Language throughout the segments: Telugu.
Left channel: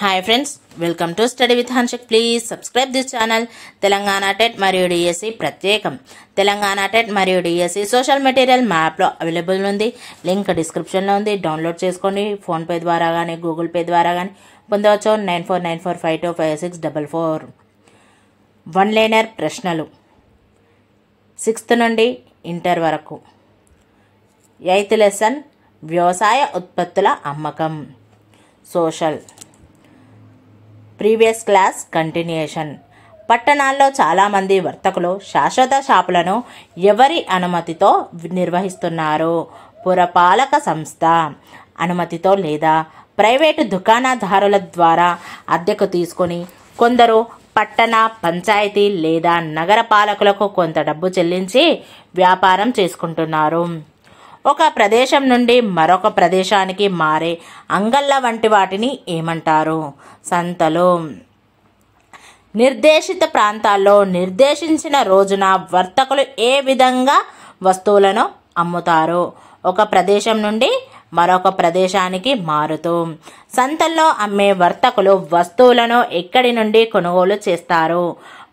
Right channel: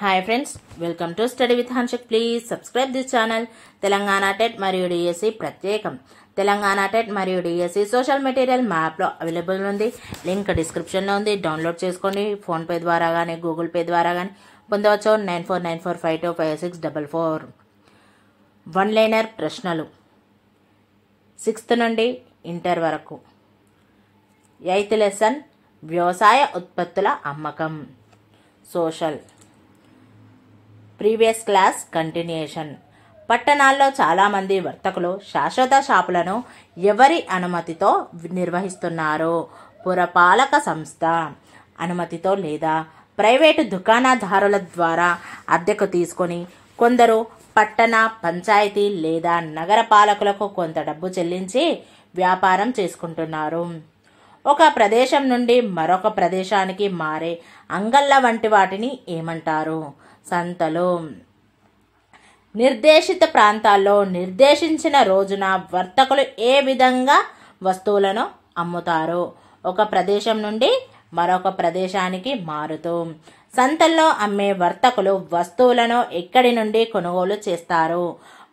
Hi friends, welcome to study with Hanshik. Please subscribe this channel. Telangana TET మరియు డిఎస్సి ప్రత్యేకం. తెలంగాణ టెట్ మరియు డిఎస్సి సోషల్ మెటీరియల్ మ్యాప్లో అవైలబుల్ ఉంది. లింక్ డిస్క్రిప్షన్లో ఉంది. డౌన్లోడ్ చేసుకొని ఫోన్పే ద్వారా కానీ గూగుల్ పే ద్వారా కానీ పొందవచ్చు. 9494525644. వన్ లైనర్ ప్రశ్నలు 6th నుండి ఇంటర్ వరకు. 8th లెసన్ వ్యవసాయ ఉత్పత్తుల అమ్మకం. సోషల్. Previous class continuation. పట్టణాల్లో చాలామంది వర్తకులు శాశ్వత షాపులను ఎవరి అనుమతితో నిర్వహిస్తున్నారు? పురపాలక సంస్థ అనుమతితో లేదా ప్రైవేటు దుకాణదారుల ద్వారా అద్దెకు తీసుకొని కొందరు పట్టణ పంచాయతీ లేదా నగర పాలకులకు కొంత డబ్బు చెల్లించి వ్యాపారం చేసుకుంటున్నారు. ఒక ప్రదేశం నుండి మరొక ప్రదేశానికి మారే అంగళ్ళ వంటి వాటిని ఏమంటారు? సంతలు. నిర్దేశిత ప్రాంతాల్లో నిర్దేశించిన రోజున వర్తకులు ఏ విధంగా వస్తువులను అమ్ముతారు? ఒక ప్రదేశం నుండి మరొక ప్రదేశానికి మారుతూ. సంతల్లో అమ్మే వర్తకులు వస్తువులను ఎక్కడి నుండి కొనుగోలు చేస్తారు?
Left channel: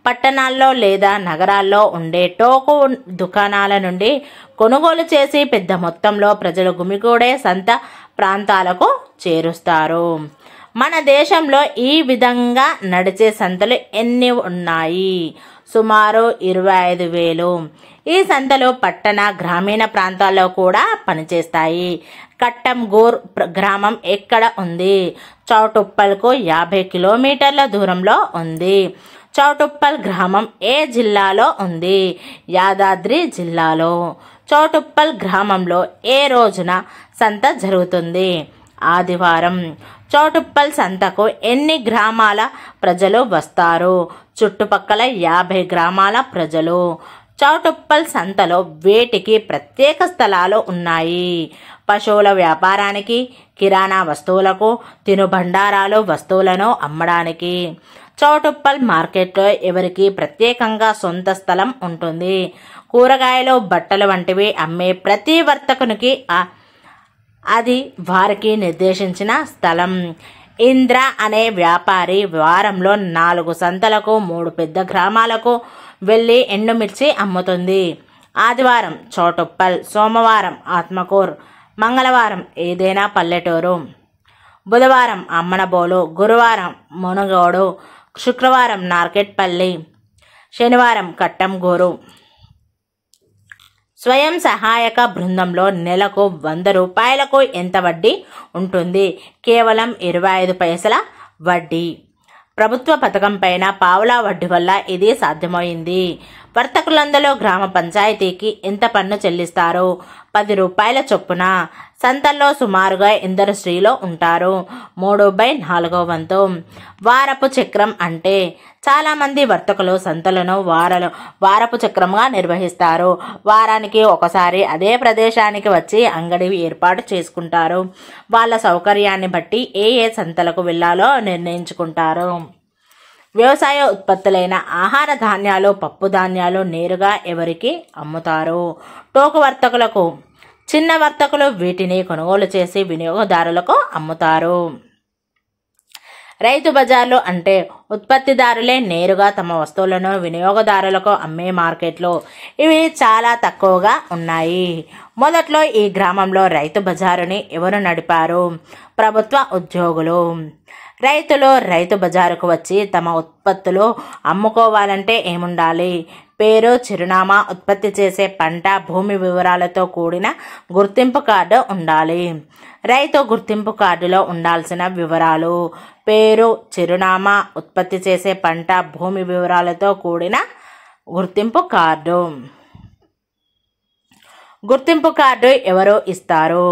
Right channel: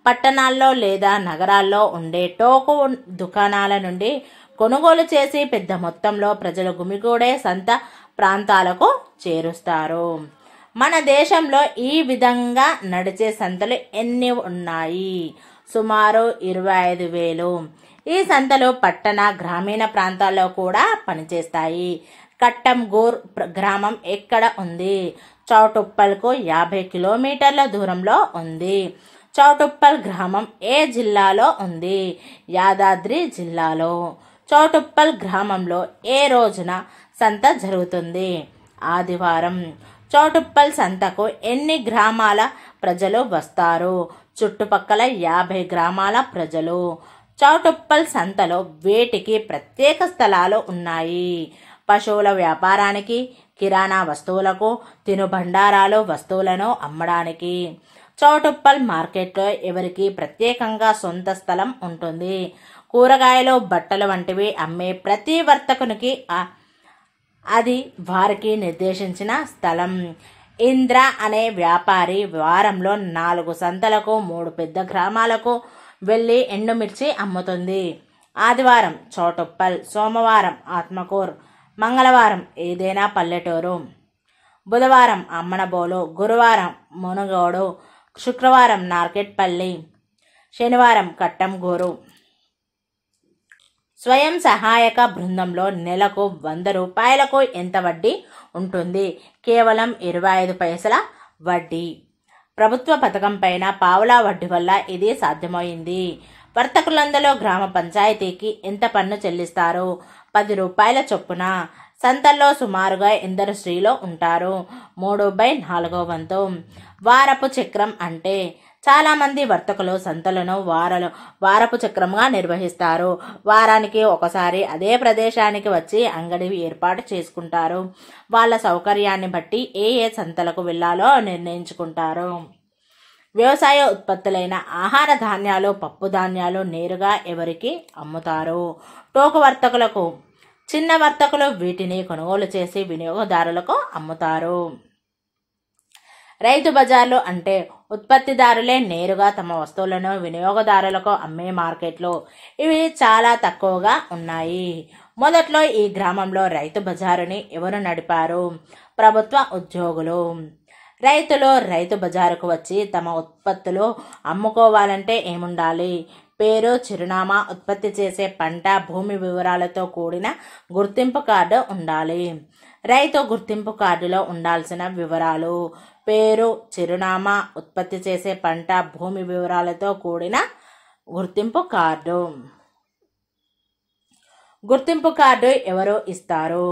పట్టణాల్లో లేదా నగరాల్లో ఉండే టోకు దుకాణాల నుండి కొనుగోలు చేసి పెద్ద మొత్తంలో ప్రజలు గుమిగూడే సంత ప్రాంతాలకు చేరుస్తారు. మన దేశంలో ఈ విధంగా నడిచే సంతలు ఎన్ని ఉన్నాయి? సుమారు 25,000. ఈ సంతలు పట్టణ గ్రామీణ ప్రాంతాల్లో కూడా పనిచేస్తాయి. కట్టంగూర్ గ్రామం ఎక్కడ ఉంది? చౌటుప్పల్కు 50 కిలోమీటర్ల దూరంలో ఉంది. చౌటుప్పల్ గ్రామం ఏ జిల్లాలో ఉంది? యాదాద్రి జిల్లాలో. చౌటుప్పల్ గ్రామంలో ఏ రోజున సంత జరుగుతుంది? ఆదివారం. చౌటుప్పల్ సంతకు ఎన్ని గ్రామాల ప్రజలు వస్తారు? చుట్టుపక్కల 50 గ్రామాల ప్రజలు. చౌటుప్పల్ సంతలో వేటికి ప్రత్యేక స్థలాలు ఉన్నాయి? పశువుల వ్యాపారానికి, కిరాణా వస్తువులకు, తినుబండారాలు వస్తువులను అమ్మడానికి. చౌటుప్పల్ మార్కెట్లో ఎవరికి ప్రత్యేకంగా సొంత స్థలం ఉంటుంది? కూరగాయలు, బట్టలు వంటివి అమ్మే ప్రతి వర్తకునికి అది వారికి నిర్దేశించిన స్థలం. ఇంద్ర అనే వ్యాపారి వారంలో 4 సంతలకు 3 పెద్ద గ్రామాలకు వెళ్ళి ఎండుమిర్చి అమ్ముతుంది. ఆదివారం చౌటుప్పల్, సోమవారం ఆత్మకూర్, మంగళవారం ఏదైనా పల్లెటూరు, బుధవారం అమ్మనబోలు, గురువారం మునుగోడు, శుక్రవారం నార్కెట్పల్లి, శనివారం కట్టంగూరు. స్వయం సహాయక బృందంలో నెలకు 100 రూపాయలకు ఎంత వడ్డీ ఉంటుంది? కేవలం 25 పైసల వడ్డీ. ప్రభుత్వ పథకం పైన పావలా వడ్డీ వల్ల ఇది సాధ్యమైంది. వర్తకులందరూ గ్రామ పంచాయతీకి ఎంత పన్ను చెల్లిస్తారు? 10 రూపాయల చొప్పున. సంతల్లో సుమారుగా ఎందరు స్త్రీలు ఉంటారు? 3/4 వంతు. వారపు చక్రం అంటే? చాలా మంది వర్తకులు సంతలను వారపు చక్రంగా నిర్వహిస్తారు. వారానికి ఒకసారి అదే ప్రదేశానికి వచ్చి అంగడి ఏర్పాటు చేసుకుంటారు. వాళ్ళ సౌకర్యాన్ని బట్టి ఏ సంతలకు వెళ్లాలో నిర్ణయించుకుంటారు. వ్యవసాయ ఉత్పత్తులైన ఆహార ధాన్యాలు, పప్పు ధాన్యాలు నేరుగా ఎవరికి అమ్ముతారు? టోకు వర్తకులకు. చిన్న వర్తకులు వీటిని కొనుగోలు చేసి వినియోగదారులకు అమ్ముతారు. రైతు బజార్లు అంటే ఉత్పత్తిదారులే నేరుగా తమ వస్తువులను వినియోగదారులకు అమ్మే మార్కెట్లు. ఇవి చాలా తక్కువగా ఉన్నాయి. మొదట్లో ఈ గ్రామంలో రైతు బజారుని ఎవరు నడిపారు? ప్రభుత్వ ఉద్యోగులు. రైతులు రైతు బజారుకు వచ్చి తమ ఉత్పత్తులు అమ్ముకోవాలంటే ఏముండాలి? పేరు, చిరునామా, ఉత్పత్తి చేసే పంట, భూమి వివరాలతో కూడిన గుర్తింపు కార్డు ఉండాలి. రైతు గుర్తింపు కార్డులో ఉండాల్సిన వివరాలు: పేరు, చిరునామా, ఉత్పత్తి చేసే పంట, భూమి వివరాలతో కూడిన గుర్తింపు కార్డు. గుర్తింపు కార్డు ఎవరు ఇస్తారు?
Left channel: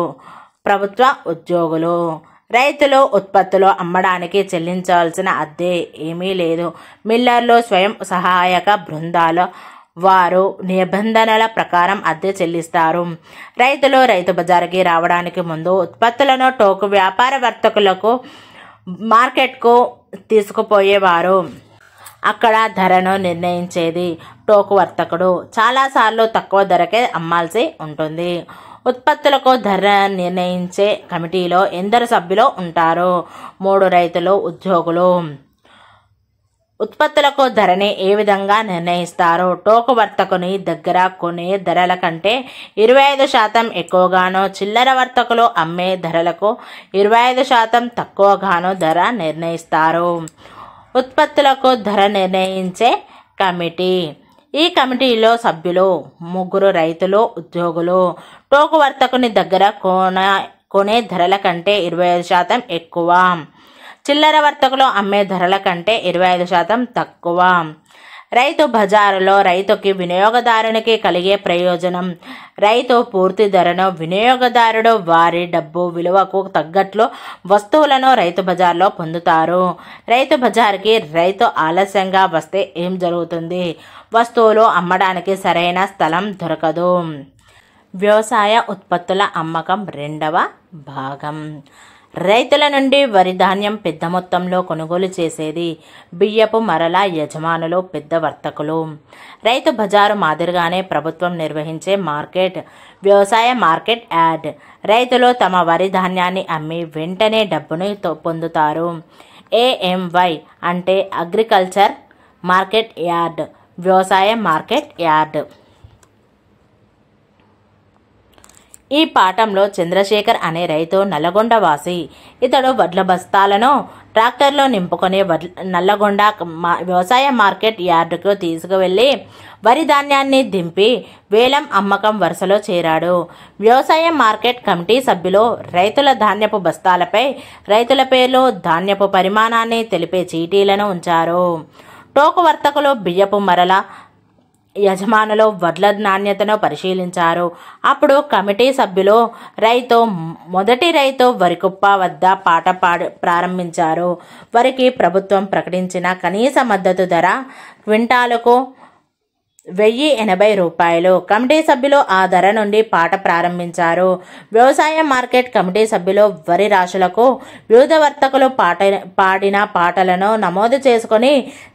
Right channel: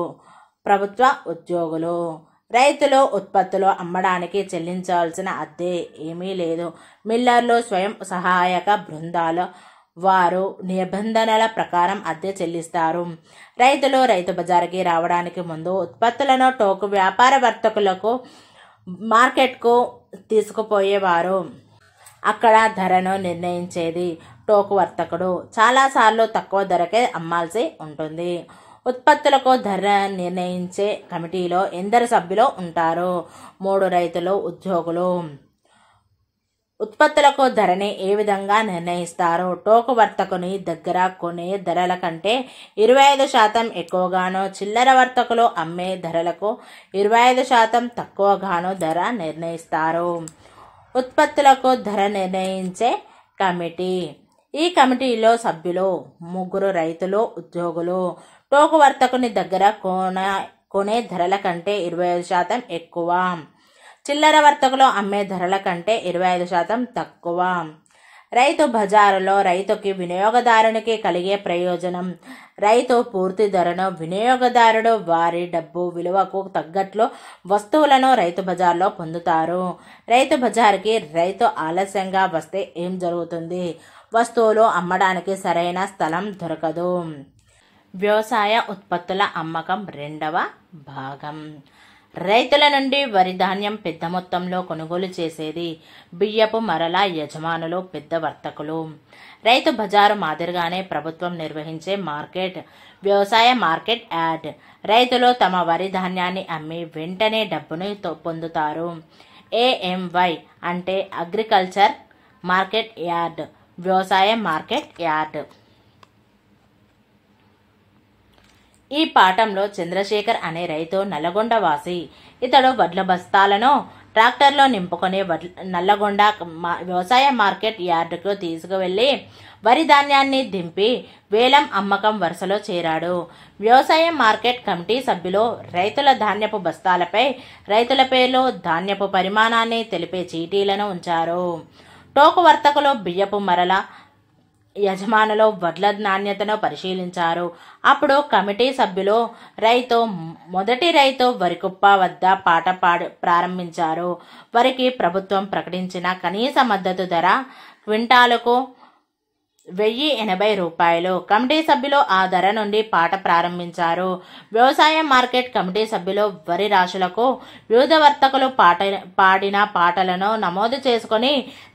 ప్రభుత్వ ఉద్యోగులు. రైతులు ఉత్పత్తులు అమ్మడానికి చెల్లించాల్సిన అద్దె ఏమీ లేదు. మిల్లర్లు, స్వయం సహాయక బృందాలు వారు నిబంధనల ప్రకారం అద్దె చెల్లిస్తారు. రైతులు రైతు బజారుకి రావడానికి ముందు ఉత్పత్తులను టోకు వ్యాపార వర్తకులకు మార్కెట్కు తీసుకుపోయేవారు. అక్కడ ధరను నిర్ణయించేది టోకు వర్తకుడు. చాలాసార్లు తక్కువ ధరకే అమ్మాల్సి ఉంటుంది. ఉత్పత్తులకు ధర నిర్ణయించే కమిటీలో ఎందరు సభ్యులు ఉంటారు? 3 రైతులు, ఉద్యోగులు. ఉత్పత్తులకు ధరని ఏ విధంగా నిర్ణయిస్తారు? టోకు వర్తకుని దగ్గర కొనే ధరల కంటే 25% ఎక్కువగానో, చిల్లర వర్తకులు అమ్మే ధరలకు 25% తక్కువగానో ధర నిర్ణయిస్తారు. ఉత్పత్తులకు ధర నిర్ణయించే కమిటీ. ఈ కమిటీలో సభ్యులు 3 రైతులు, ఉద్యోగులు. టోకు వర్తకుని దగ్గర కొనే ధరల కంటే 25% ఎక్కువ, చిల్లర వర్తకులు అమ్మే ధరల కంటే 25% తక్కువ. రైతు బజారులో రైతుకి వినియోగదారునికి కలిగే ప్రయోజనం. రైతు పూర్తి ధరను, వినియోగదారుడు వారి డబ్బు విలువకు తగ్గట్లు వస్తువులను రైతు బజార్లో పొందుతారు. రైతు బజార్కి రైతు ఆలస్యంగా వస్తే ఏం జరుగుతుంది? వస్తువులు అమ్మడానికి సరైన స్థలం దొరకదు. వ్యవసాయ ఉత్పత్తుల అమ్మకం 2వ భాగం. రైతుల నుండి వరి ధాన్యం పెద్ద మొత్తంలో కొనుగోలు చేసేది బియ్యపు మరల యజమానులు, పెద్ద వర్తకులు. రైతు బజారు మాదిరిగానే ప్రభుత్వం నిర్వహించే మార్కెట్ వ్యవసాయ మార్కెట్ యార్డ్. రైతులు తమ వరి ధాన్యాన్ని అమ్మి వెంటనే డబ్బును పొందుతారు. AMY అంటే అగ్రికల్చర్ మార్కెట్ యార్డ్, వ్యవసాయ మార్కెట్ యార్డ్. ఈ పాఠంలో చంద్రశేఖర్ అనే రైతు నల్లగొండ వాసి. ఇతడు వడ్ల బస్తాలను ట్రాక్టర్లో నింపుకొని నల్లగొండ వ్యవసాయ మార్కెట్ యార్డుకు తీసుకువెళ్లి వరి ధాన్యాన్ని దింపి వేలం అమ్మకం వరుసలో చేరాడు. వ్యవసాయ మార్కెట్ కమిటీ సభ్యులు రైతుల ధాన్యపు బస్తాలపై రైతుల పేర్లు, ధాన్యపు పరిమాణాన్ని తెలిపే చీటీలను ఉంచారు. టోకు వర్తకులు బియ్యపు మరల యజమానులు వడ్ల నాణ్యతను పరిశీలించారు. అప్పుడు కమిటీ సభ్యులు మొదటి రైతు వరికుప్ప వద్ద పాట ప్రారంభించారు. వరికి ప్రభుత్వం ప్రకటించిన కనీస మద్దతు ధర క్వింటాలుకు 1080 రూపాయలు. కమిటీ సభ్యులు ఆ ధర నుండి పాట ప్రారంభించారు. వ్యవసాయ మార్కెట్ కమిటీ సభ్యులు వరి రాశులకు వివిధ వర్తకులు పాడిన పాటలను నమోదు చేసుకుని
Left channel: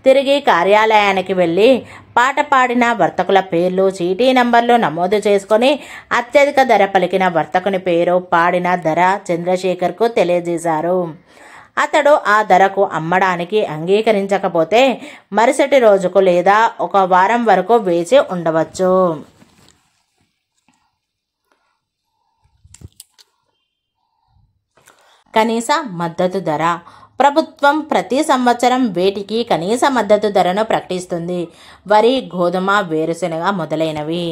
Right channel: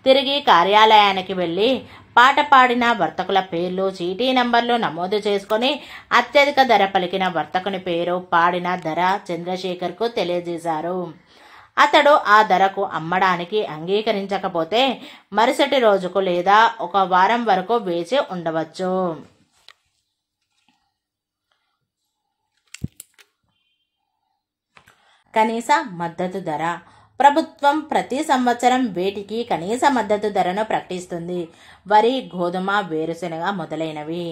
తిరిగి కార్యాలయానికి వెళ్లి పాట పాడిన వర్తకుల పేర్లు, చీటీ నంబర్లు నమోదు చేసుకుని అత్యధిక ధర పలికిన వర్తకుని పేరు, పాడిన ధర చంద్రశేఖర్కు తెలియజేశారు. అతడు ఆ ధరకు అమ్మడానికి అంగీకరించకపోతే మరుసటి రోజుకు లేదా 1 వారం వరకు వేచి ఉండవచ్చు. కనీస మద్దతు ధర. ప్రభుత్వం ప్రతి సంవత్సరం వేటికి కనీస మద్దతు ధరను ప్రకటిస్తుంది. వరి, గోధుమ, వేరుశెనగ మొదలైనవి.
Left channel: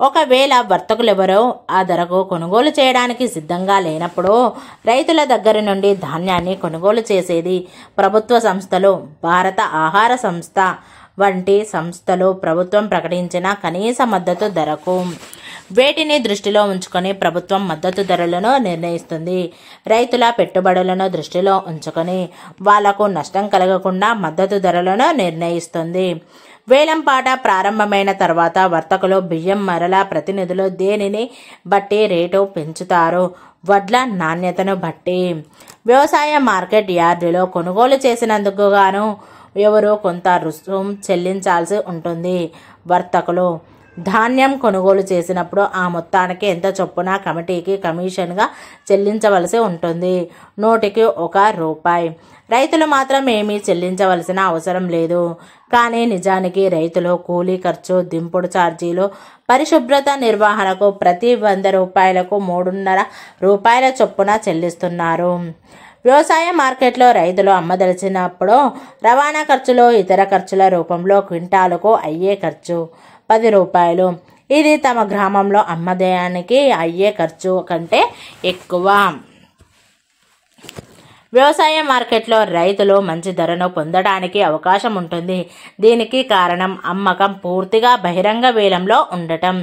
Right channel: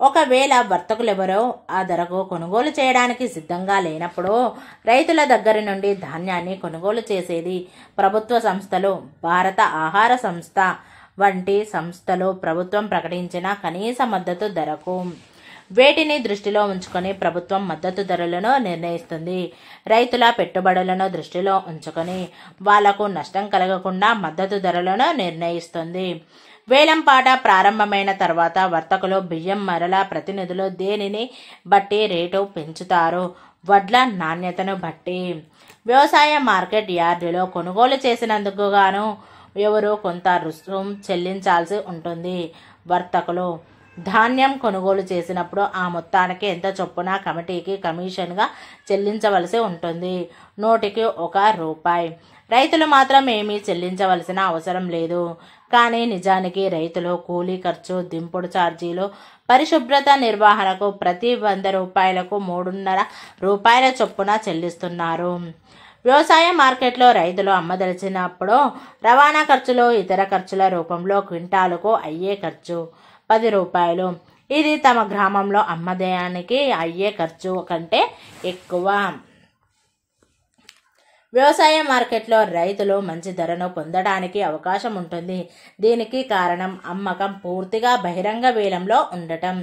ఒకవేళ వర్తకులెవరో ఆ ధరకు కొనుగోలు చేయడానికి సిద్ధంగా లేనప్పుడు రైతుల దగ్గర నుండి ధాన్యాన్ని కొనుగోలు చేసేది ప్రభుత్వ సంస్థలు. భారత ఆహార సంస్థ వంటి సంస్థలు ప్రభుత్వం ప్రకటించిన కనీస మద్దతు ధరకు వేటిని దృష్టిలో ఉంచుకొని ప్రభుత్వం మద్దతు ధరలను నిర్ణయిస్తుంది. రైతుల పెట్టుబడులను దృష్టిలో ఉంచుకొని వాళ్లకు నష్టం కలగకుండా మద్దతు ధరలను నిర్ణయిస్తుంది. వేలంపాట ప్రారంభమైన తర్వాత వర్తకులు బియ్యం మరల ప్రతినిధులు దేనిని బట్టి రేటు పెంచుతారు? వడ్ల నాణ్యతను బట్టి. వ్యవసాయ మార్కెట్ యార్డులో కొనుగోలు చేసినందుకు గాను ఎవరో కొంత రుసుం చెల్లించాల్సి ఉంటుంది. వర్తకులు ధాన్యం కొనుగోలు చేసినప్పుడు ఆ మొత్తానికి ఎంత చొప్పున కమిటీకి కమిషన్గా చెల్లించవలసి ఉంటుంది. 100కి రూపాయి. రైతులు మాత్రం ఏమీ చెల్లించవలసిన అవసరం లేదు. కానీ నిజానికి రైతులు కూలీ ఖర్చు, దింపుడు ఛార్జీలు, పరిశుభ్రత నిర్వహణకు ప్రతి 100 రూపాయలకు 3.5 రూపాయల చొప్పున చెల్లిస్తున్నారు. వ్యవసాయ మార్కెట్లో రైతులు అమ్మదలిచినప్పుడు రవాణా ఖర్చులు, ఇతర ఖర్చుల రూపంలో క్వింటాలుకు అయ్యే ఖర్చు 10 రూపాయలు. ఇది తమ గ్రామంలో అమ్మడానికి అయ్యే ఖర్చు కంటే ఎక్కువ. వ్యవసాయ మార్కెట్లో రైతులు మంచి ధరను పొందడానికి అవకాశం ఉంటుంది. దీనికి కారణం అమ్మకం పూర్తిగా బహిరంగ వేలంలో ఉండటం.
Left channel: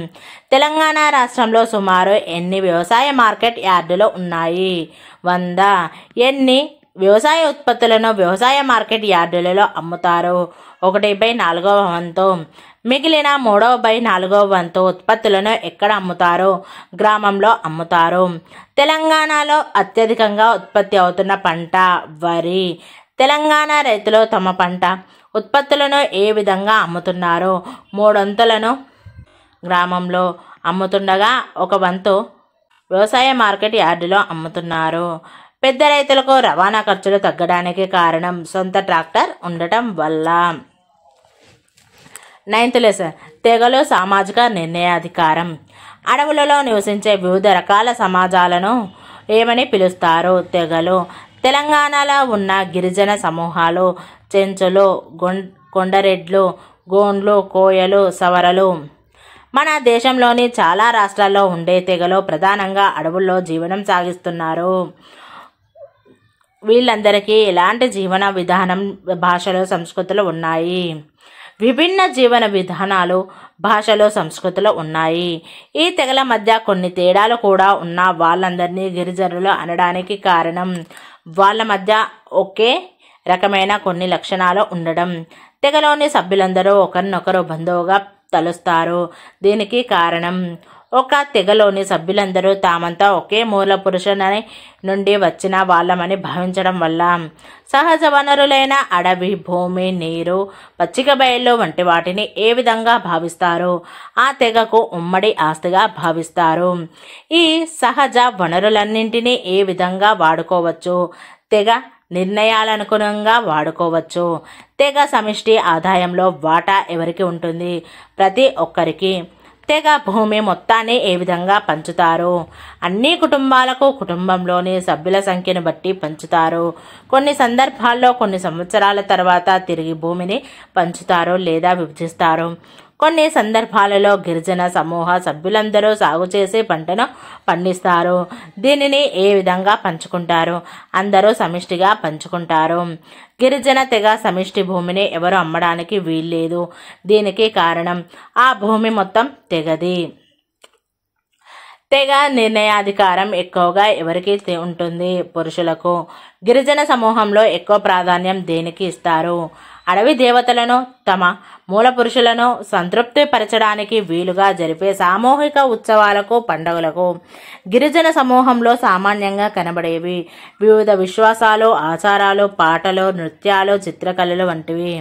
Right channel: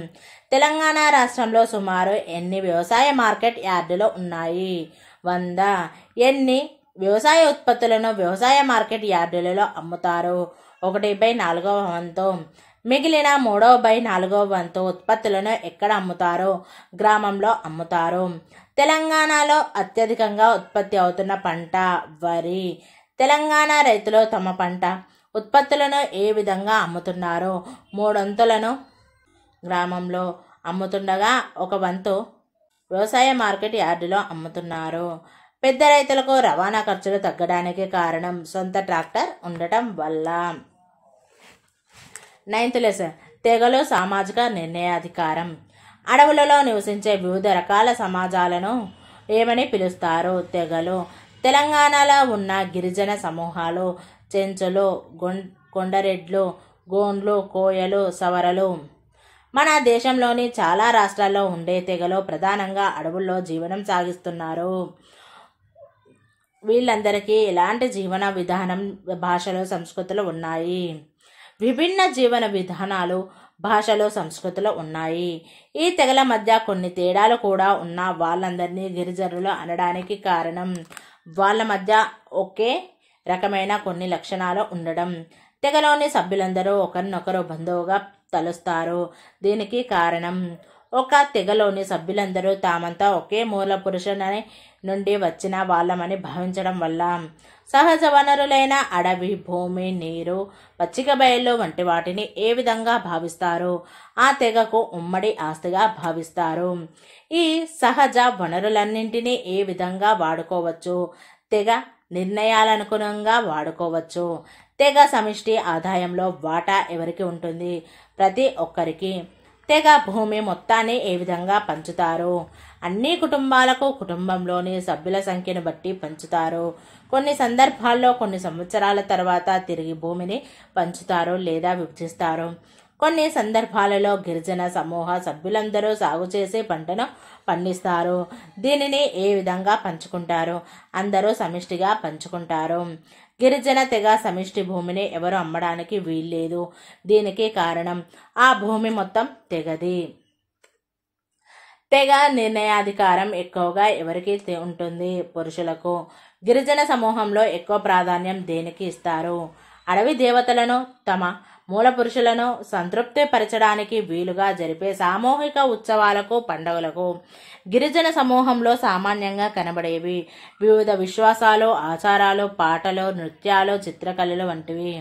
తెలంగాణ రాష్ట్రంలో సుమారు ఎన్ని వ్యవసాయ మార్కెట్ యార్డులు ఉన్నాయి? 100. ఎన్ని వ్యవసాయ ఉత్పత్తులను వ్యవసాయ మార్కెట్ యార్డులలో అమ్ముతారు? 1/4వ వంతు. మిగిలిన 3/4వ వంతు ఉత్పత్తులను ఎక్కడ అమ్ముతారు? గ్రామంలో అమ్ముతారు. తెలంగాణలో అత్యధికంగా ఉత్పత్తి అవుతున్న పంట వరి. తెలంగాణ రైతులు తమ పంట ఉత్పత్తులను ఏ విధంగా అమ్ముతున్నారు? 3 వంతులను గ్రామంలో అమ్ముతుండగా 1 వంతు వ్యవసాయ మార్కెట్ యార్డులో అమ్ముతున్నారు. పెద్ద రైతులకు రవాణా ఖర్చులు తగ్గడానికి కారణం సొంత ట్రాక్టర్ ఉండటం వల్ల. 9th లెసన్ తెగలు సామాజిక నిర్ణయాధికారం. అడవులలో నివసించే వివిధ రకాల సమాజాలను ఏమని పిలుస్తారు? తెగలు. తెలంగాణలో ఉన్న గిరిజన సమూహాలు చెంచులు, కొండరెడ్లు, గోండ్లు, కోయలు, సవరలు. మన దేశంలోని చాలా రాష్ట్రాల్లో ఉండే తెగలు ప్రధానంగా అడవుల్లో జీవనం సాగిస్తున్నారు. వీళ్ళందరికీ ఎలాంటి జీవన విధానం, భాషలు, సంస్కృతులు ఉన్నాయి? విభిన్న జీవన విధానాలు, భాషలు, సంస్కృతులు ఉన్నాయి. ఈ తెగల మధ్య కొన్ని తేడాలు కూడా ఉన్న వాళ్ళందరినీ గిరిజనులు అనడానికి కారణం వాళ్ళ మధ్య ఒకే రకమైన కొన్ని లక్షణాలు ఉండడం. తెగలోని సభ్యులందరూ ఒకరినొకరు బంధువుగా తలుస్తారు. దీనికి కారణం ఒక తెగలోని సభ్యులందరూ తామంతా ఒకే మూల పురుషుని నుండి వచ్చిన వాళ్ళమని భావించడం వల్ల. సహజ వనరులైన అడవి, భూమి, నీరు, పచ్చిక బయళ్ళు వంటి వాటిని ఏ విధంగా భావిస్తారు? ఆ తెగకు ఉమ్మడి ఆస్తిగా భావిస్తారు. ఈ సహజ వనరులన్నింటినీ ఏ విధంగా వాడుకోవచ్చు? తెగ నిర్ణయాలనుగుణంగా వాడుకోవచ్చు. తెగ సమిష్టి ఆదాయంలో వాటా ఎవరికి ఉంటుంది? ప్రతి ఒక్కరికి. తెగ భూమి మొత్తాన్ని ఏ విధంగా పంచుతారు? అన్ని కుటుంబాలకు కుటుంబంలోని సభ్యుల సంఖ్యను బట్టి పంచుతారు. కొన్ని సందర్భాల్లో కొన్ని సంవత్సరాల తర్వాత తిరిగి భూమిని పంచుతారు లేదా విభజిస్తారు. కొన్ని సందర్భాలలో గిరిజన సమూహ సభ్యులందరూ సాగు చేసే పంటను పండిస్తారు. దీనిని ఏ విధంగా పంచుకుంటారు? అందరూ సమిష్టిగా పంచుకుంటారు. గిరిజన తెగ సమిష్టి భూమిని ఎవరు అమ్మడానికి వీల్లేదు. దీనికి కారణం ఆ భూమి మొత్తం తెగది. తెగ నిర్ణయాధికారం ఎక్కువగా ఎవరికి ఉంటుంది? పురుషులకు. గిరిజన సమూహంలో ఎక్కువ ప్రాధాన్యం దేనికి ఇస్తారు? అడవి దేవతలను, తమ మూల పురుషులను సంతృప్తి పరచడానికి వీలుగా జరిపే సామూహిక ఉత్సవాలకు, పండుగలకు. గిరిజన సమూహంలో సామాన్యంగా కనబడేవి వివిధ విశ్వాసాలు, ఆచారాలు, పాటలు, నృత్యాలు, చిత్రకళలు వంటివి.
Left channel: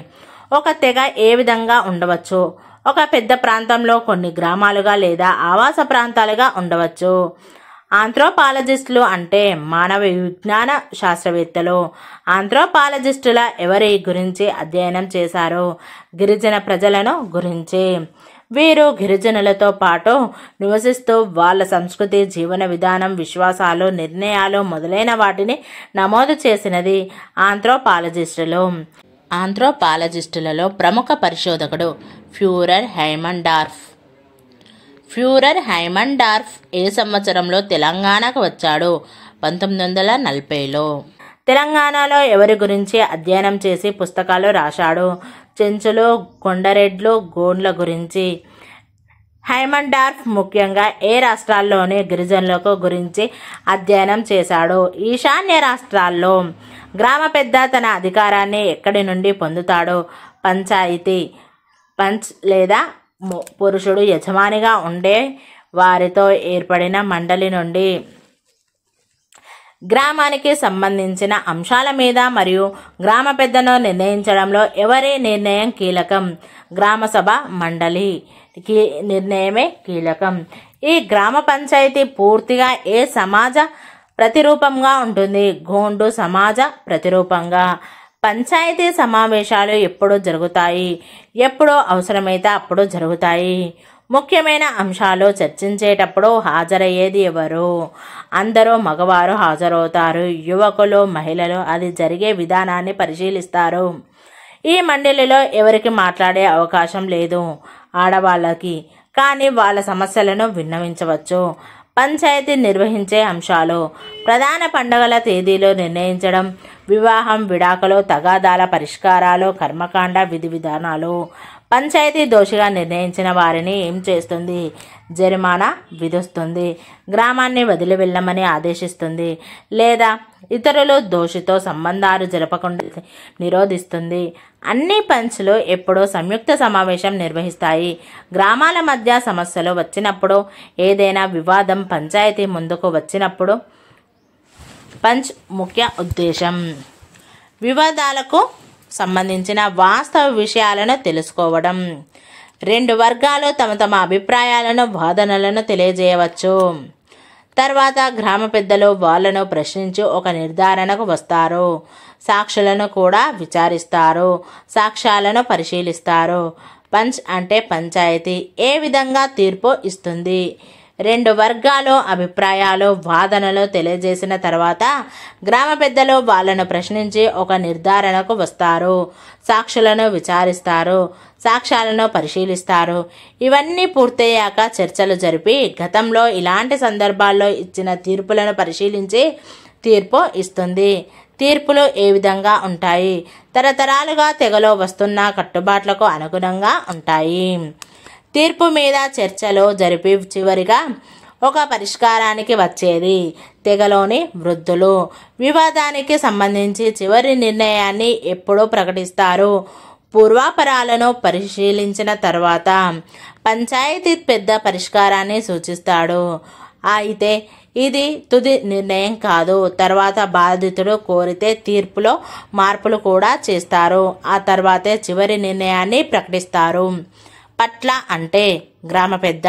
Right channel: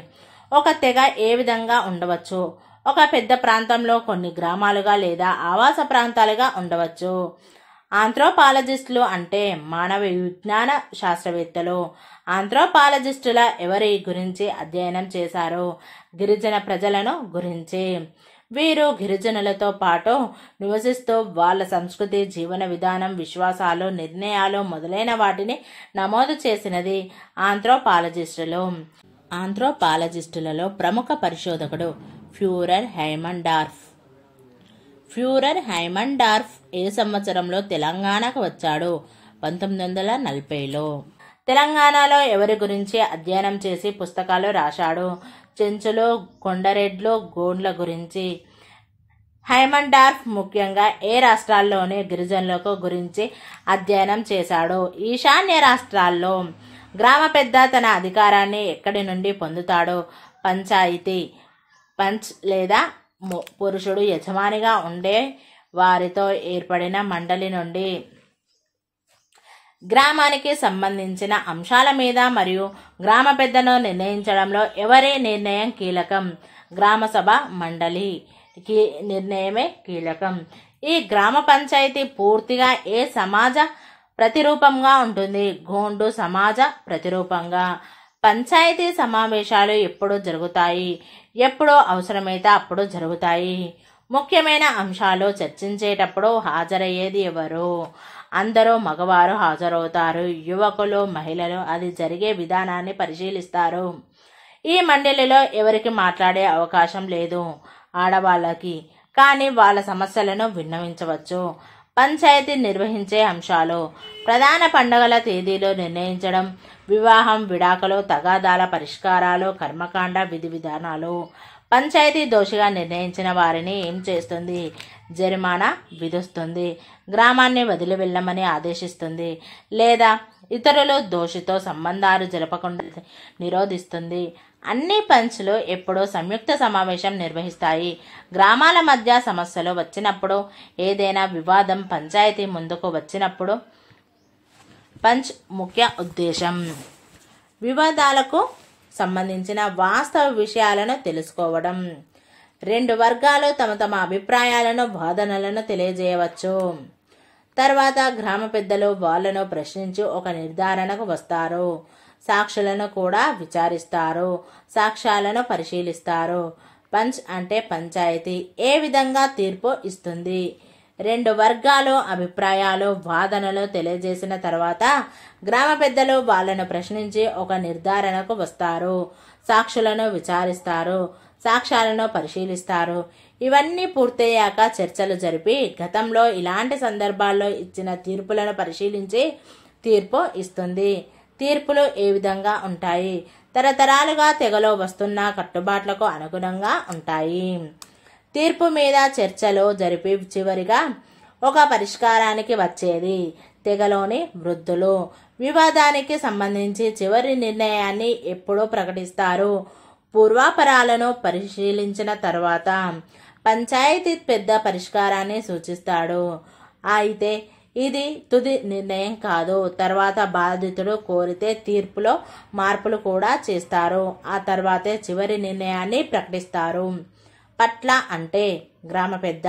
ఒక తెగ ఏ విధంగా ఉండవచ్చు? ఒక పెద్ద ప్రాంతంలో కొన్ని గ్రామాలుగా లేదా ఆవాస ప్రాంతాలుగా ఉండవచ్చు. ఆంథ్రోపాలజిస్టులు అంటే మానవ విజ్ఞాన శాస్త్రవేత్తలు. ఆంథ్రోపాలజిస్టుల ఎవరి గురించి అధ్యయనం చేశారు? గిరిజన ప్రజలను గురించి. వీరు గిరిజనులతో పాటు నివసిస్తూ వాళ్ళ సంస్కృతి, జీవన విధానం, విశ్వాసాలు, నిర్ణయాలు మొదలైన వాటిని నమోదు చేసినది ఆంథ్రోపాలజిస్టులు. ఆంథ్రోపాలజిస్టులలో ప్రముఖ పరిశోధకుడు ఫ్యూరర్ హైమండార్ఫ్. ఫ్యూరర్ హైమండార్ఫ్ ఏ సంవత్సరంలో తెలంగాణకు వచ్చాడు? 1940లో. తెలంగాణలో ఎవరి గురించి అధ్యయనం చేసి పుస్తకాలు రాశాడు? చెంచులు, కొండరెడ్లు, గోండ్ల గురించి. హైమండార్ఫ్ ముఖ్యంగా ఏ రాష్ట్రాల్లోని గిరిజనులకు గురించి అధ్యయనం చేశాడు? ఈశాన్య రాష్ట్రాల్లో. గ్రామ పెద్ద తన అధికారాన్ని ఎక్కడి నుండి పొందుతాడు? పంచాయితీ. పంచ్ లేదా పురుషుడు యజమానిగా ఉండే వారితో ఏర్పడిన మండలి నుండి. గ్రామానికి సంబంధించిన అంశాల మీద మరియు గ్రామ పెద్దను నిర్ణయించడంలో ఎవరి నిర్ణయం కీలకం? గ్రామ సభ మండలి నిర్ణయమే కీలకం. ఈ గ్రామ పంచాయతీ పూర్తిగా ఏ సమాజ ప్రతిరూపంగా ఉంటుంది? గోండు సమాజ ప్రతిరూపంగా. పంచాయతీ సమావేశాలు ఎప్పుడు జరుగుతాయి? ఎప్పుడు అవసరమైతే అప్పుడు జరుగుతాయి. ముఖ్యమైన అంశాలు చర్చించేటప్పుడు హాజరయ్యేది ఎవరు? అందరూ మగవారు హాజరవుతారు. యువకులు, మహిళలు అది జరిగే విధానాన్ని పరిశీలిస్తారు. ఈ మండలిలో ఎవరికి మాట్లాడే అవకాశం లేదు? ఆడవాళ్ళకి. కానీ వాళ్ళ సమస్యలను విన్నవించవచ్చు. పంచాయతీ నిర్వహించే అంశాలు: ప్రధాన పండుగల తేదీలు నిర్ణయించడం, వివాహం, విడాకులు, తగాదాల పరిష్కారాలు, కర్మకాండ విధి విధానాలు. పంచాయతీ దోషిగా నిర్ణయించిన వారిని ఏం చేస్తుంది? జరిమానా విధిస్తుంది. గ్రామాన్ని వదిలి వెళ్ళమని ఆదేశిస్తుంది లేదా ఇతరులు దోషితో సంబంధాలు జరపకుండా నిరోధిస్తుంది. అన్ని పంచ్లు ఎప్పుడూ సంయుక్త సమావేశం నిర్వహిస్తాయి. గ్రామాల మధ్య సమస్యలు వచ్చినప్పుడు, ఏదైనా వివాదం పంచాయతీ ముందుకు వచ్చినప్పుడు పంచ్ ముఖ్య ఉద్దేశం వివాదాలకు సంబంధించిన వాస్తవ విషయాలను తెలుసుకోవడం. రెండు వర్గాలు తమ తమ అభిప్రాయాలను, వాదనలను తెలియజేయవచ్చు. తర్వాత గ్రామ పెద్దలు వాళ్ళను ప్రశ్నించి ఒక నిర్ధారణకు వస్తారు. సాక్షులను కూడా విచారిస్తారు, సాక్ష్యాలను పరిశీలిస్తారు. పంచ్ అంటే పంచాయతీ ఏ విధంగా తీర్పు ఇస్తుంది. రెండు వర్గాలు అభిప్రాయాలు వాదనలు తెలియజేసిన తర్వాత గ్రామ పెద్దలు వాళ్ళను ప్రశ్నించి ఒక నిర్ధారణకు వస్తారు, సాక్షులను విచారిస్తారు, సాక్ష్యాలను పరిశీలిస్తారు. ఇవన్నీ పూర్తయ్యాక చర్చలు జరిపి గతంలో ఇలాంటి సందర్భాల్లో ఇచ్చిన తీర్పులను పరిశీలించి తీర్పు ఇస్తుంది. తీర్పులు ఏ విధంగా ఉంటాయి? తరతరాలుగా తెగలో వస్తున్న కట్టుబాట్లకు అనుగుణంగా ఉంటాయి. తీర్పు మీద చర్చలు జరిపి చివరిగా ఒక పరిష్కారానికి వచ్చేది తెగలోని వృద్ధులు. వివాదానికి సంబంధించి చివరి నిర్ణయాన్ని ఎప్పుడూ ప్రకటిస్తారు. పూర్వాపరాలను పరిశీలించిన తర్వాత పంచాయతీ పెద్ద పరిష్కారాన్ని సూచిస్తాడు. అయితే ఇది తుది నిర్ణయం కాదు. తర్వాత బాధితుడు కోరితే తీర్పులో మార్పులు కూడా చేస్తారు. ఆ తర్వాతే చివరి నిర్ణయాన్ని ప్రకటిస్తారు. పట్ల అంటే గ్రామ పెద్ద.